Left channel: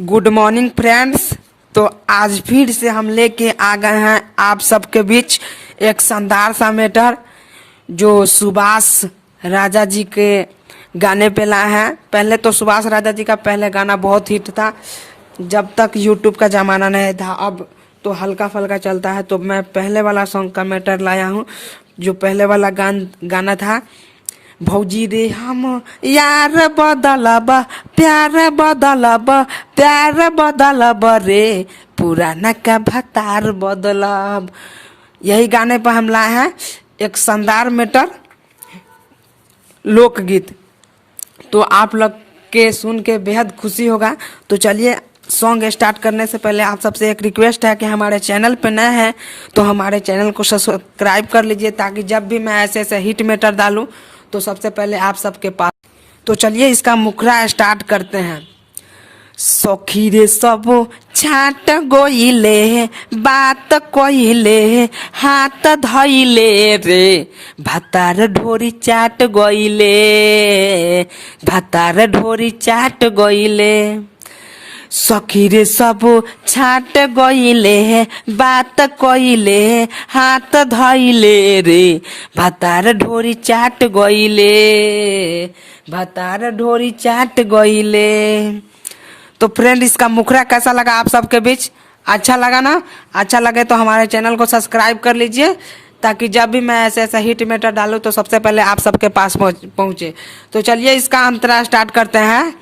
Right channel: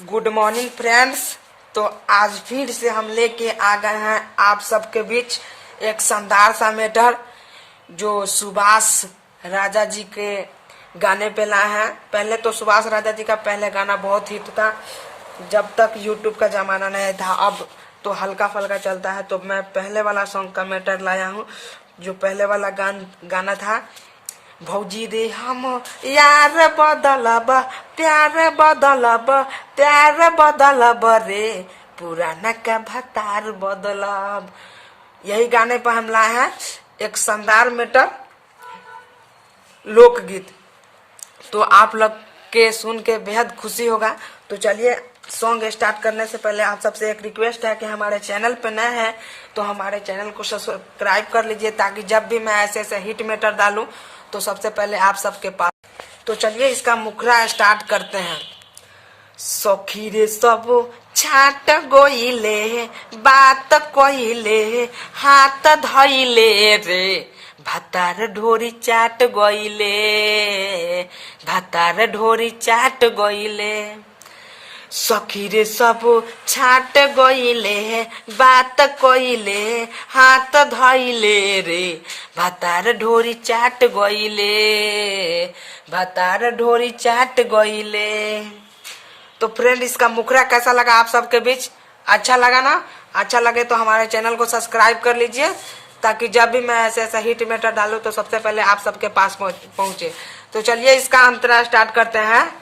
Good morning friends. तो आज फिर से हम लेके आ गए हैं आप सबके बीच एक शानदार सा मैटर जो सुभाष राजा जी के गाने पे लाए हैं। पहले तो सुभाष राजा जी का पहले गाना बहुत हिट था जब तक यूट्यूब का जमाना नहीं था। अब तो हल्का फल्का चलता है, तो मैं पहले वाला सॉन्ग का मैटर लाया हूँ। जो पहले वाला गाना था, भौजी रे हम यार बदलब प्यार बदलब प्यार बदलब रे पुराना का भतार बदलब। यही गाने पर हम लाए हैं एक शानदार मैटर लोकगीत। तो आप लोग के सुन के बेहद खुशी होगा। तो चलिए सॉन्ग स्टार्ट करने से पहले आप सबसे एक रिक्वेस्ट है कि हमारे चैनल पे नए हैं तो हमारे चैनल को सब्सक्राइब कर लीजिए, ताकि जब भी मैं ऐसे ऐसे हिट मैटर डालूं तो सबसे पहले आप सबके पास। तो चलिए इसका मुखरा स्टार्ट करते हैं। सखी रे सब छाट गोइले बात कोइले हाथ धइले रे भतार ढोरी चाट गोइले भतार ढोरी चाट गोइले। सखी रे सब छाट गइले बात कइले हाथ धइले रे भतार ढोरी चाट गइले भतार ढोरी चाट गइले। तो फ्रेंड इसका मुखरा कैसा लगा आप सबके बीच? अच्छा लगा ना? अच्छा लगे तो हमारे चैनल को सब्सक्राइब कर लीजिए, ताकि जब भी मैं ऐसे ऐसे हिट मैटर डालूं तो सबसे पहले आप सबके पास पहुंचे। तो चलिए इसका अंतरा स्टार्ट करते हैं।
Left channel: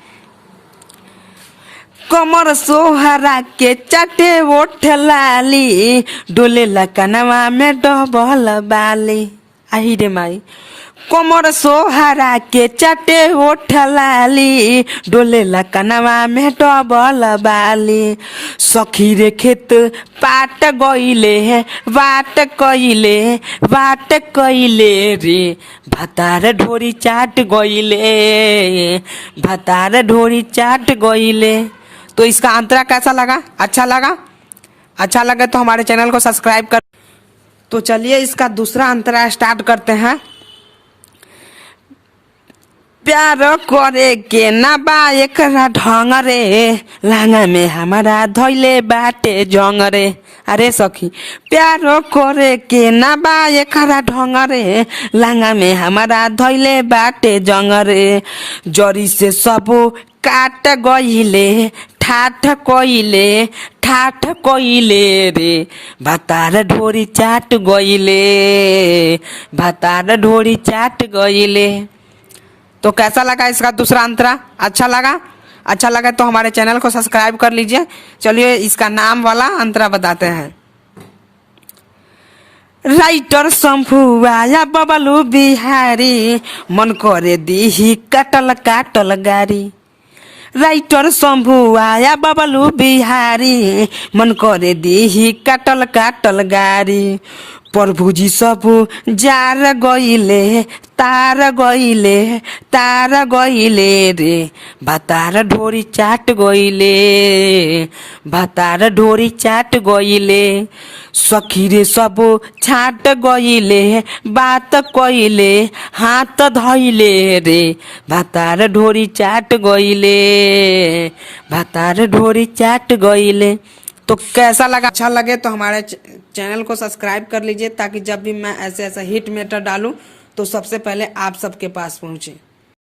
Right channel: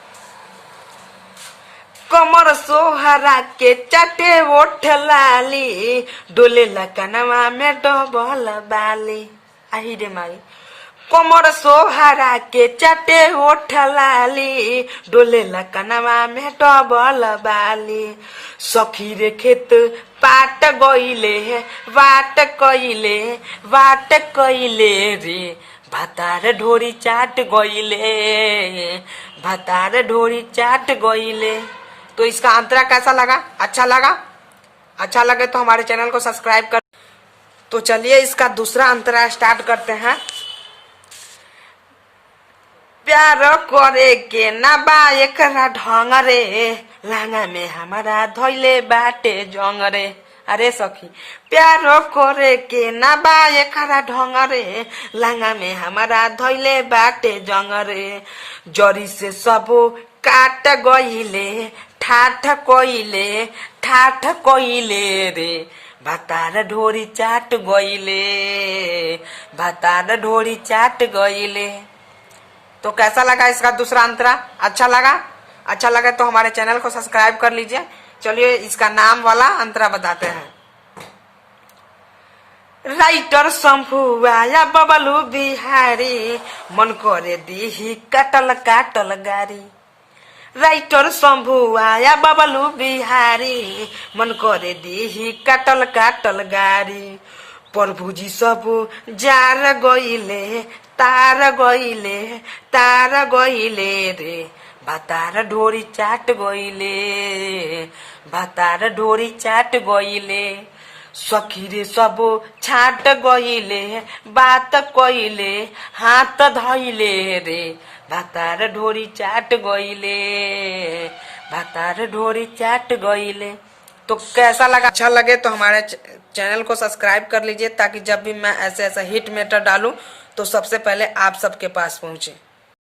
कमर सोहरा के चटे ओठ लाली डोले लकनवा में डबल बाली। आई रे माई। कमर सोहरा के चटे ओठ लाली डोले लकनवा में डबल बाली। सखी रे खेत पाट गइले बाट कइले रे भतार ढोरी चाट गइले भतार ढोरी चाट गइले। तो इसका अंतरा कैसा लगा? अच्छा लगा? अच्छा लगे तो हमारे चैनल को सब्सक्राइब कर। तो चलिए इसका दूसरा अंतरा स्टार्ट करते हैं। प्यार करे के ना बा एकरा ढंग रे लांगा में हमारा धइले बाटे जंग रे। अरे सखी, प्यार करे के ना बा एकरा ढंग रे लांगा में हमारा धइले बाटे जंग रे। जरी से सब काट गइले ठाठ कइले रे भतार ढोरी चाट गइले भतार ढोरी चाट गइले। तो कैसा लगा इसका दूसरा अंतरा? अच्छा लगा? अच्छा लगा तो हमारे चैनल को सब्सक्राइब कर लीजिए। चलिए इसका नाम वाला अंतरा बताते हैं। राइटर शंभू आया बबलू बिहारी मन करे दीही काटल काटल गारी। राइटर शंभू आया बबलू बिहारी मन करे दीही काटल काटल गारी। प्रभुजी सब जार गइले तार गइले रे भतार ढोरी चाट गइले भतार ढोरी चाट गइले। सखी रे सब छाट गइले बात कइले हाथ धइले रे भतार ढोरी चाट गइले भतार ढोरी चाट गइले। तो कैसा लगा? अच्छा लगे तो हमारे चैनल को सब्सक्राइब कर लीजिए, ताकि जब भी मैं ऐसे ऐसा हिट मैटर डालूं तो सबसे पहले आप सबके पास पहुंचे।